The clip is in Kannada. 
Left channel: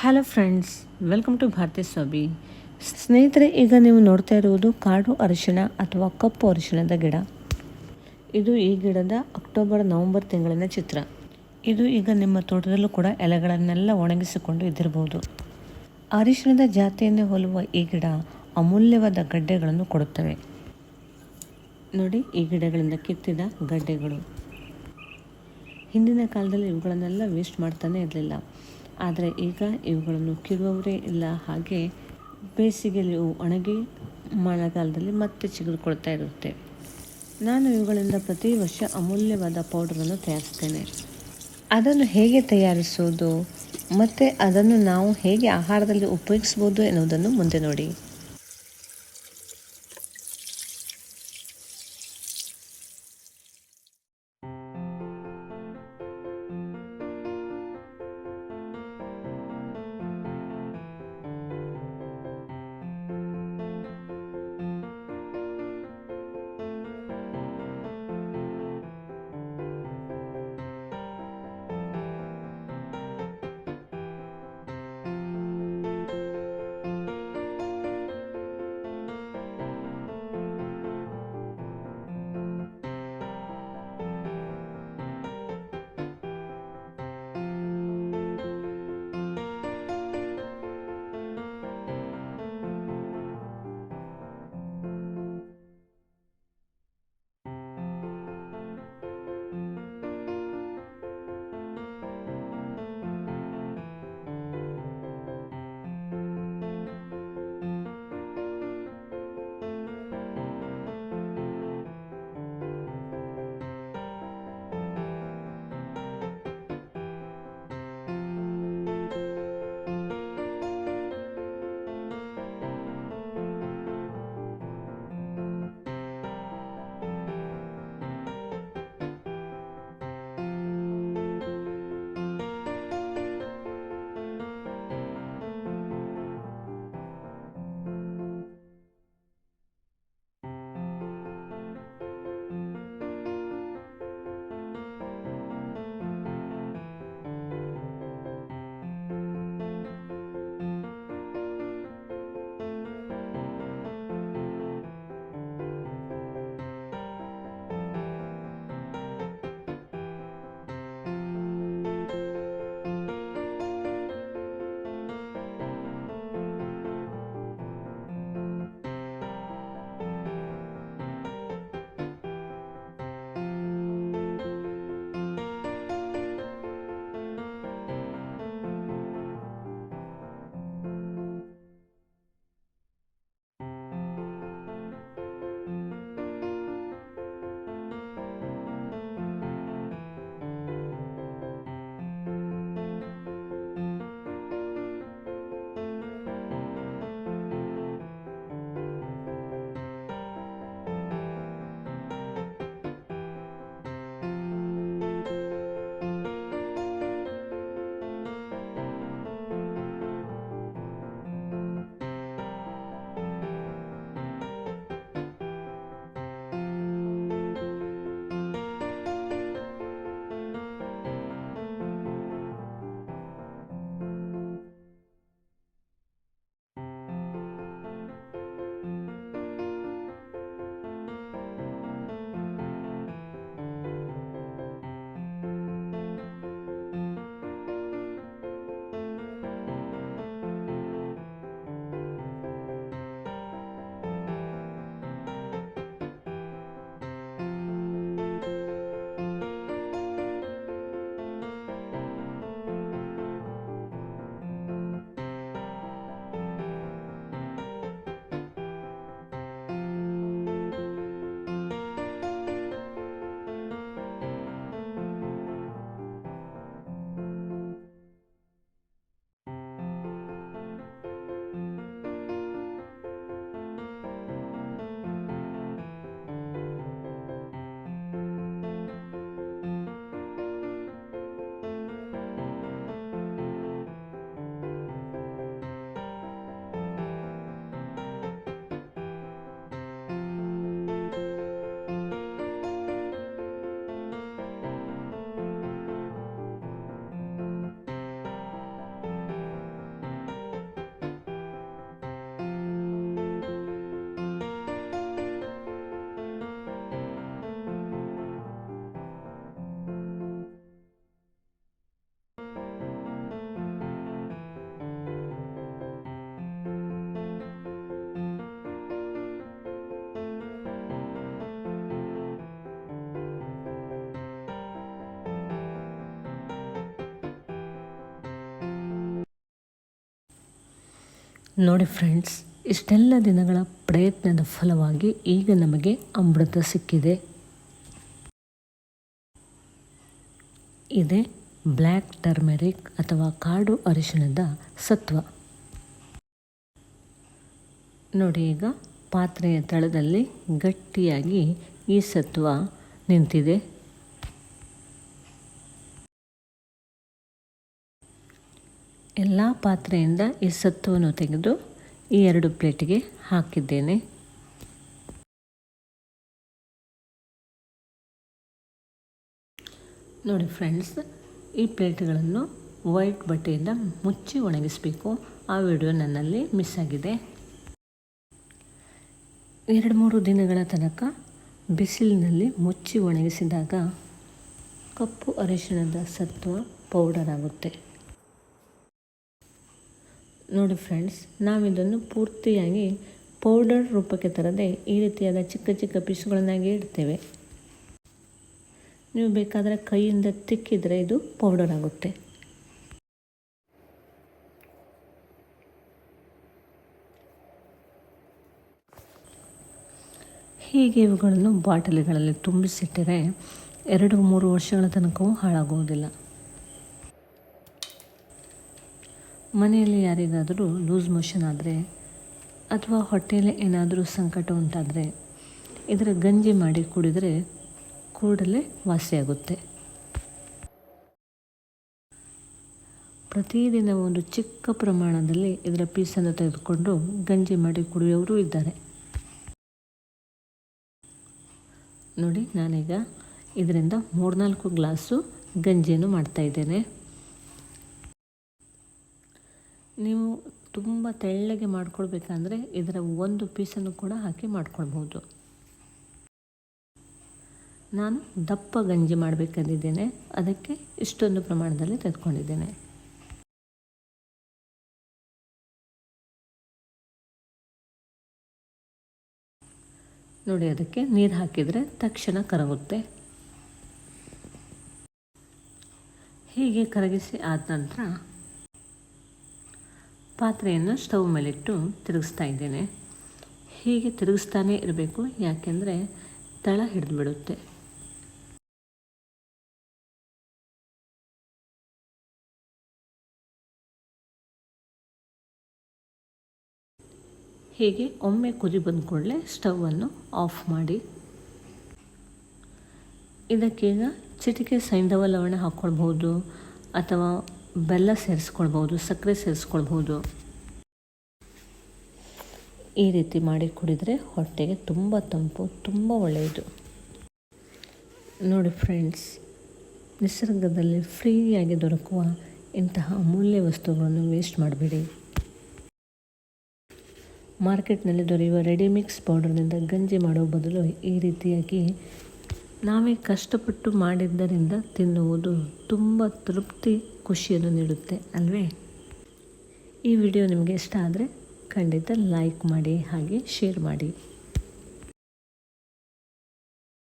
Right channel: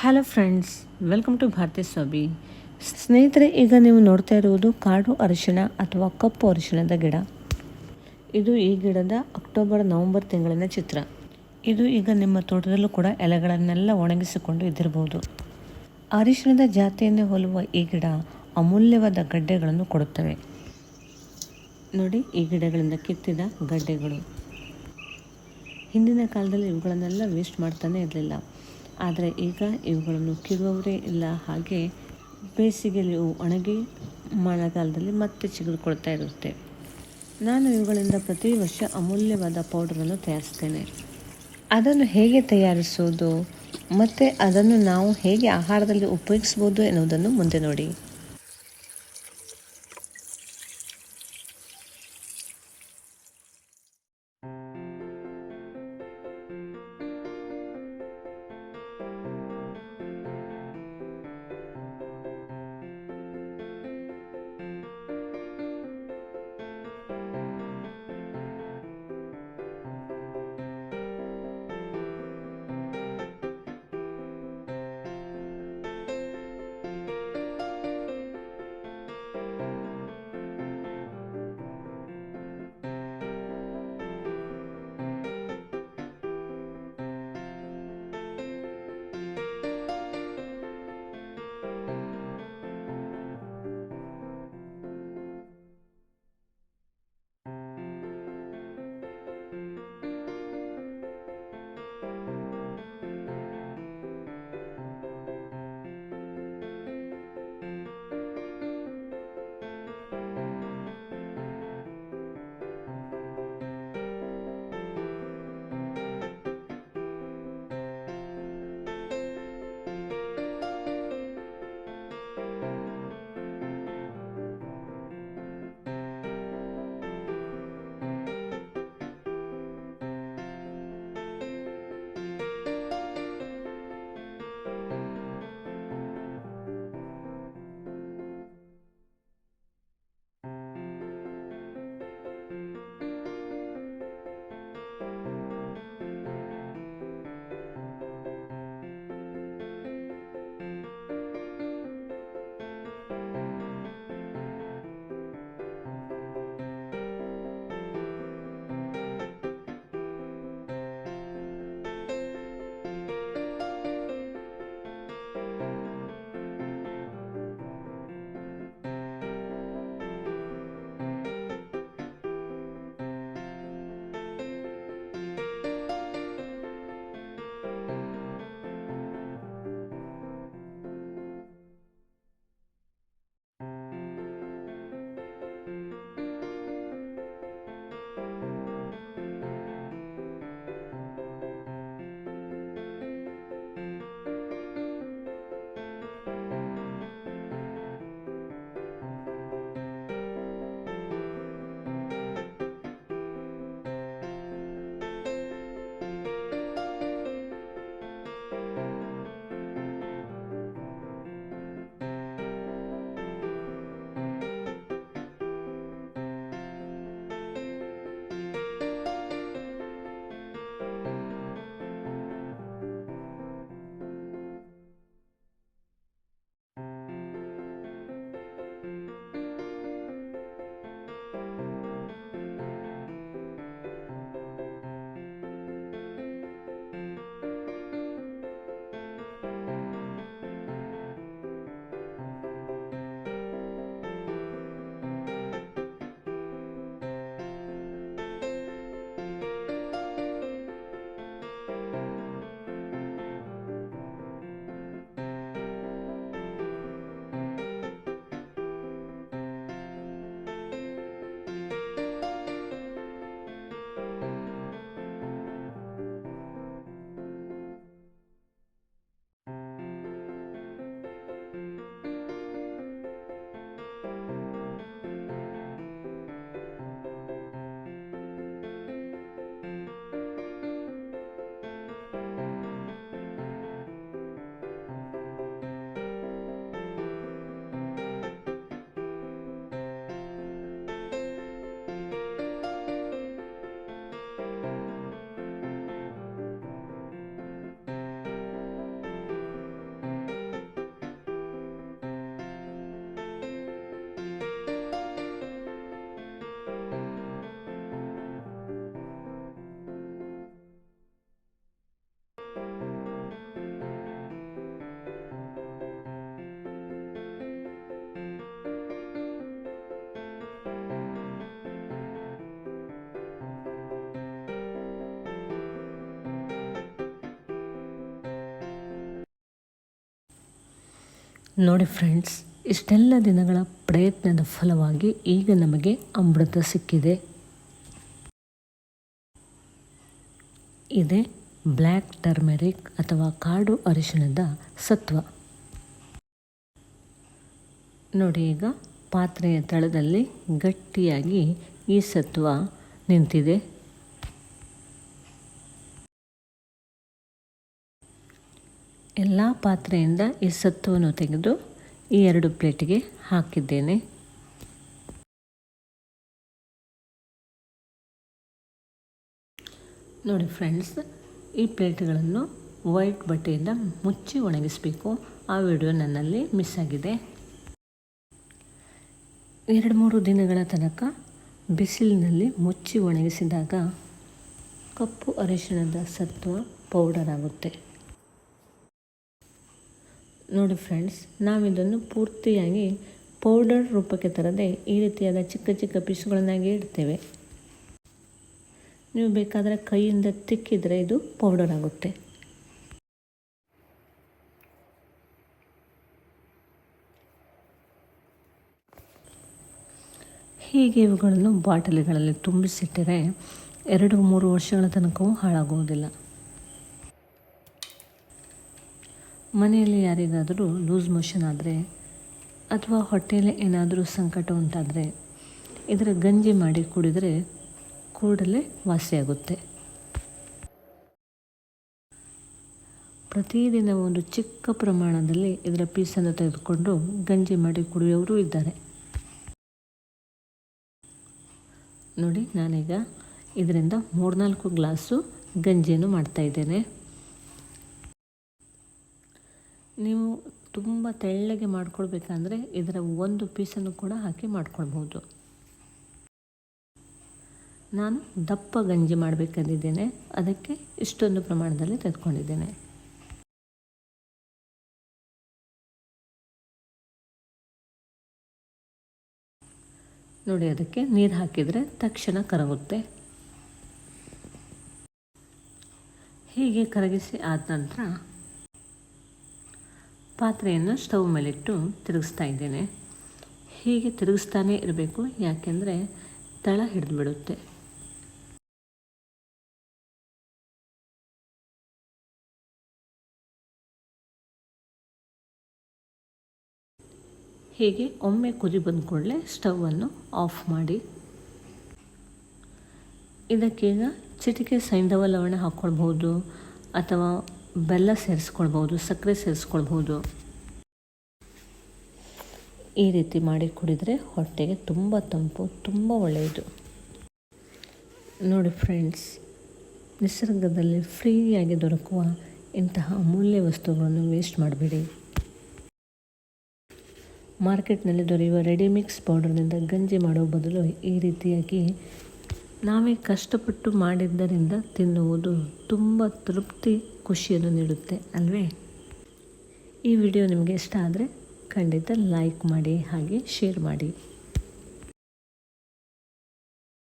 Hello friends welcome to Bharathi Swamy ಸ್ನೇಹಿತರೆ, ಈಗ ನೀವು ನೋಡ್ತಾ ಇರುವುದು ಕಾಡು ಅರಿಶಿಣ ಅಥವಾ ಕಪ್ಪು ಅರಿಶಿಣದ ಗಿಡ. ಇದು ಈ ಗಿಡದ ಅಕ್ಟೋಬರ್, ನವಂಬರ್ ತಿಂಗಳಿನ ಚಿತ್ರ. ಇದು ಈಗ ನಿಮ್ಮ ತೋಟದಲ್ಲೂ ಕೂಡ ಎಲೆಗಳನ್ನೆಲ್ಲ ಒಣಗಿಸಿಕೊಂಡು ಇದ್ದಿರಬಹುದು ಅರಿಶಿನದ ಜಾತಿಯನ್ನೇ ಹೋಲುವ ಈ ಗಿಡ ಅಮೂಲ್ಯವಾದ ಗಡ್ಡೆಗಳನ್ನು ಕೊಡುತ್ತವೆ. ನೋಡಿ, ಈ ಗಿಡಗಳಿಂದ ಕಿತ್ತಿದ ಗಡ್ಡೆಗಳು. ಹಿಂದಿನ ಕಾಲದಲ್ಲಿ ಇವುಗಳನ್ನೆಲ್ಲ ವೇಸ್ಟ್ ಮಾಡ್ತಾನೆ ಇರಲಿಲ್ಲ. ಆದರೆ ಈಗ ಇವುಗಳನ್ನು ಕೀಳುವವರೇ ಇಲ್ಲ. ಹಾಗೆ ಬೇಸಿಗೆಯಲ್ಲಿ ಒಣಗಿ ಮಳೆಗಾಲದಲ್ಲಿ ಮತ್ತೆ ಚಿಗುರುಕೊಳ್ತಾ ಇರುತ್ತೆ. ನಾನು ಇವುಗಳಿಂದ ಪ್ರತಿ ವರ್ಷ ಅಮೂಲ್ಯವಾದ ಪೌಡರನ್ನು ತಯಾರಿಸ್ತೇನೆ. ಅದನ್ನು ಹೇಗೆ ತಯಾರಿಸುವುದು? ಮತ್ತು ಅದನ್ನು ನಾವು ಹೇಗೆ ಆಹಾರದಲ್ಲಿ ಉಪಯೋಗಿಸ್ಬೋದು ಎನ್ನುವುದನ್ನು ಮುಂದೆ ನೋಡಿ. ನೋಡಿ ಫ್ರೆಂಡ್ಸ್, ಇಷ್ಟೆಲ್ಲ ದಿನಗಳ ಪ್ರಯತ್ನದ ಫಲವಾಗಿ ಈಗ ನಮಗೆ ಅಮೃತ ಸಿಕ್ಕಿದೆ. ಇದೆ ಬ್ಲ್ಯಾಕ್ ಟರ್ಮೆರಿಕ್ ಅಥವಾ ಕಾಡು ಅರಿಶಿಣದ ಸತ್ವ. ನೋಡಿ ಈಗ ಪಾತ್ರೆಯ ತಳದಲ್ಲಿ ಗಟ್ಟಿಯಾಗಿ ಈ ಸತ್ವ ನಿಂತಿದೆ. ಎಲ್ಲ ಪಾತ್ರೆಯಿಂದ ಈ ಸತ್ವವನ್ನು ತೆಗೆದು ಈ ಎರಡು ಪ್ಲೇಟಿಗೆ ಹಾಕಿದ್ದೇನೆ. ನೋಡಿ ಫ್ರೆಂಡ್ಸ್, ಈ ಪ್ಲೇಟ್ಗಳನ್ನು ವೈಟ್ ಬಟ್ಟೆಯಿಂದ ಮುಚ್ಚಿ ಒಣಗಿಸಬೇಕು. ಆ ವಿಡಿಯೋ ನನ್ನಲ್ಲಿ ಮಿಸ್ ಆಗಿದೆ. ಎರಡು ಮೂರು ದಿನಗಳ ತನಕ ಬಿಸಿಲಿನಲ್ಲಿ ಮುಚ್ಚಿ ಒಣಗಿಸಿದಾಗ ಕಪ್ಪು ಅರಿಶಿಣದ ಸತ್ವ ಪೌಡರ್ ಆಗುತ್ತೆ. ನೋಡಿ ಫ್ರೆಂಡ್ಸ್ ನಾವಿದನ್ನು ಪೂರ್ತಿಯಾಗಿ ಪೌಡರ್ ರೂಪಕ್ಕೆ ತರದೆ ಈ ರೀತಿಯಾದ ಚಿಕ್ಕ ಚಿಕ್ಕ ಪೀಸ್ಗಳನ್ನಾಗಿ ಇಡ್ತೇವೆ. ನೀವು ಬೇಕಾದರೆ ಕೈಯಿಂದ ತಿಕ್ಕಿದರೆ ಇದು ಪೌಡರ್ ಆಗುತ್ತೆ. ಹೀಗೆ ಇವುಗಳನ್ನು ಬಾಟಲಿಗಳಲ್ಲಿ ತುಂಬಿಸಿಟ್ಟರೆ ಎರಡು ಮೂರು ವರ್ಷಗಳ ತನಕವೂ ಹಾಳಾಗುವುದಿಲ್ಲ. ಮನೆಯಲ್ಲಿ ಯಾರಿಗಾದರೂ ಲೂಸ್ ಮೋಷನ್ ಆದರೆ ಅಥವಾ ಹೊಟ್ಟೆಯಲ್ಲಿ ಏನಾದರೂ ಸಂಕಟ ಉಂಟಾದರೆ ಇದರ ಗಂಜಿ ಮಾಡಿ ಕುಡಿದರೆ ಕೂಡಲೇ ವಾಸಿಯಾಗುತ್ತೆ. ಪ್ರತಿದಿನ ಒಂದು ಚಿಕ್ಕ ಪ್ರಮಾಣದಲ್ಲಿ ಇದರ ಪೀಸನ್ನು ತೆಗೆದುಕೊಂಡು ಗಂಜಿ ಮಾಡಿ ಕುಡಿಯೋರು ಇದ್ದಾರೆ. ನೋಡಿ ನಾನೀಗ ಇದರಿಂದ ಮೂರ್ನಾಲ್ಕು ಗ್ಲಾಸು ಗಂಜಿಯನ್ನು ಮಾಡ್ತಾಯಿದ್ದೇನೆ ನೀವು ತುಂಬ ತೆಳ್ಳಗೆ ಮಾಡ್ಕೊಳ್ಬೇಕಂದ್ರೆ ಇದರ ಒಂದು ಪೀಸನ್ನು ಕೂಡ ಹಾಕಿ ಮಾಡ್ಕೊಳ್ಬೋದು ನಾನು ದಪ್ಪ ಗಂಜಿ ಮಾಡಬೇಕಂದಿದ್ದೇನೆ. ಅದಕ್ಕೆ ಇಷ್ಟೊಂದು ಪ್ರಮಾಣದಲ್ಲಿ ತೆಗೆದುಕೊಂಡಿದ್ದೇನೆ. ನೋಡಿ, ಅದಕ್ಕೆ ನೀರು ಹಾಕಿದರೆ ತಕ್ಷಣ ಕರಗುತ್ತೆ. ಹೀಗೆ ಕರಗಿಸಿ ಆದ ನಂತರ ಪಾತ್ರೆಯನ್ನು ಸ್ಟವ್ ಮೇಲಿಟ್ಟು ತಿರುಗಿಸ್ತಾ ಇದ್ದೇನೆ. ಹೀಗೆ ತಿರುಗಿಸ್ತಾನೇ ಇರಬೇಕು, ಯಾಕೆಂದರೆ ತಳ ಹಿಡಿದು ಬಿಡುತ್ತೆ ಹೀಗೆ ಒಮ್ಮೆ ಕುದಿ ಬಂದ ಕೂಡಲೇ ಸ್ಟವನ್ನು ಆಫ್ ಮಾಡಿ. ಇದಕ್ಕೀಗ ಚಿಟಿಕೆ ಸೈಂಧವ ಲವಣ ಹಾಕ್ಕೊಳ್ಬೋದು ಅಥವಾ ಬೆಲ್ಲ ಸೇರಿಸ್ಕೊಳ್ಬೋದು, ಸಕ್ಕರೆ ಸೇರಿಸ್ಕೊಳ್ಬೋದು. ಈ ರೀತಿ ಮಾಡಿ ಕುಡಿದರೆ ಹೊಟ್ಟೆಗೆ ತುಂಬ ತಂಪು, ತುಂಬ ಒಳ್ಳೆಯದು. ನೋಡಿ ಫ್ರೆಂಡ್ಸ್ ನಿಸರ್ಗದಲ್ಲಿ ಫ್ರೀಯಾಗಿ ದೊರಕುವ ಇಂತಹ ಅಮೂಲ್ಯ ವಸ್ತುಗಳನ್ನು ವೇಸ್ಟ್ ಮಾಡಬೇಡಿ. ಮಾರ್ಕೆಟ್ನಲ್ಲಿ ದೊರೆಯುವ ರೆಡಿಮಿಕ್ಸ್ ಪೌಡರ್ನಿಂದ ಗಂಜಿ ಮಾಡೋ ಬದಲು ಈ ರೀತಿಯಾಗಿ ನಾವೇ ಕಷ್ಟಪಟ್ಟು ಮಾಡಿದ್ದರಿಂದ ತಿನ್ನುವುದು ತುಂಬ ತೃಪ್ತಿ ಖುಷಿಯನ್ನು ನೀಡುತ್ತೆ ಅಲ್ವೇ? ಈ ವಿಡಿಯೋ ನಿಮಗೆ ಇಷ್ಟ ಆದರೆ ಖಂಡಿತ ಲೈಕ್ ಮಾಡಿ ಹಾಗೆ ಶೇರ್ ಮಾಡಿ.